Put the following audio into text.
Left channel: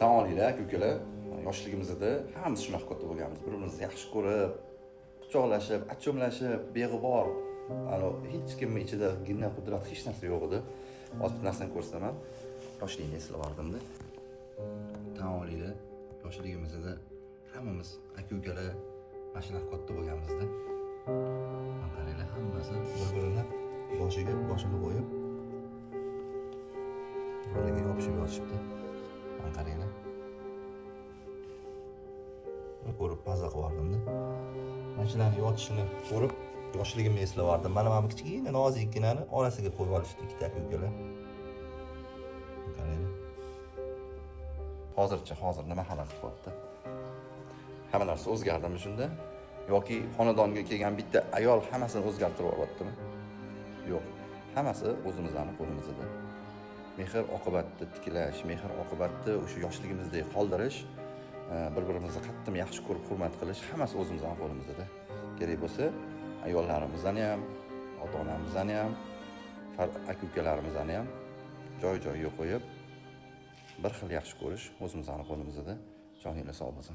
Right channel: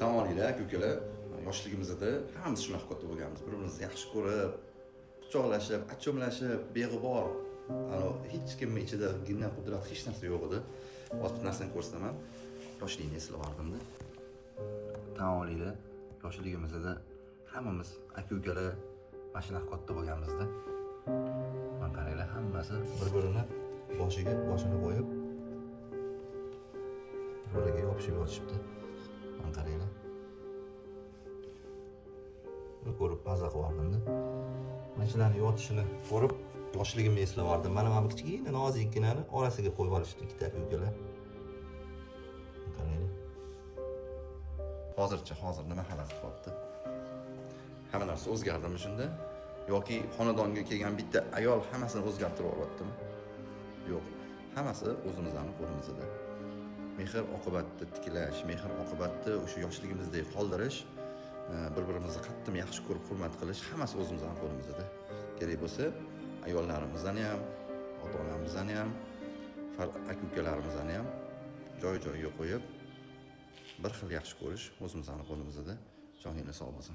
Tan olinglar aka-ukalar, yoshligimizda hammamiz shunaqa katta bo'lganmiz. Bir-birimizni yaxshi ko'rib, quchoqlashib, achchomlashib, beg'ubor. Hech kimning ichida gina qudrat hech narsa yo'q edi. Hozir bir narsani ko'rsataman. Yoshlikni eslavardim-da. Tan olinglar, yoshligimizda hammamiz aka-ukalar mana shunaqa katta bo'lganmizda. Mana qaranglar, hammasi bir-birini boshini qo'yib, bir-biriga yopishib yotishibdi. Mana qaranglar. Buni ko'rib maza qilardim-da. Mana shularni yotishini ko'rib, yoshligimni eslavardim. Mana bu kichkina nozikkinani orasiga qo'yib olishdi ikkita aka-ukalar. Qaranglar. Hozir nima xalaqit qilyapti? Hamma narsa o'zgardimi shunda? Yoki xonadonga kelgan bitta ayol hammasini o'zgartirib yuboryaptimi? Yo'q. Hammasi o'zimizning qo'limizda. Mehr oqibatda tiklash, mehr oqibatda o'sha yoshligimizdek qoldirish, bir-birimizni qattiq yaxshi ko'rib hurmat qilish hammasi o'zimizning qo'limizda. Kerak bo'lsa, ayollarimizni ham, ota-onamizni ham, aka-ukalarimizni ham joy-joyiga qo'yib, bir xil yaxshi ko'rish o'zimizning qo'limizda. Joninglar sog' bo'lsin.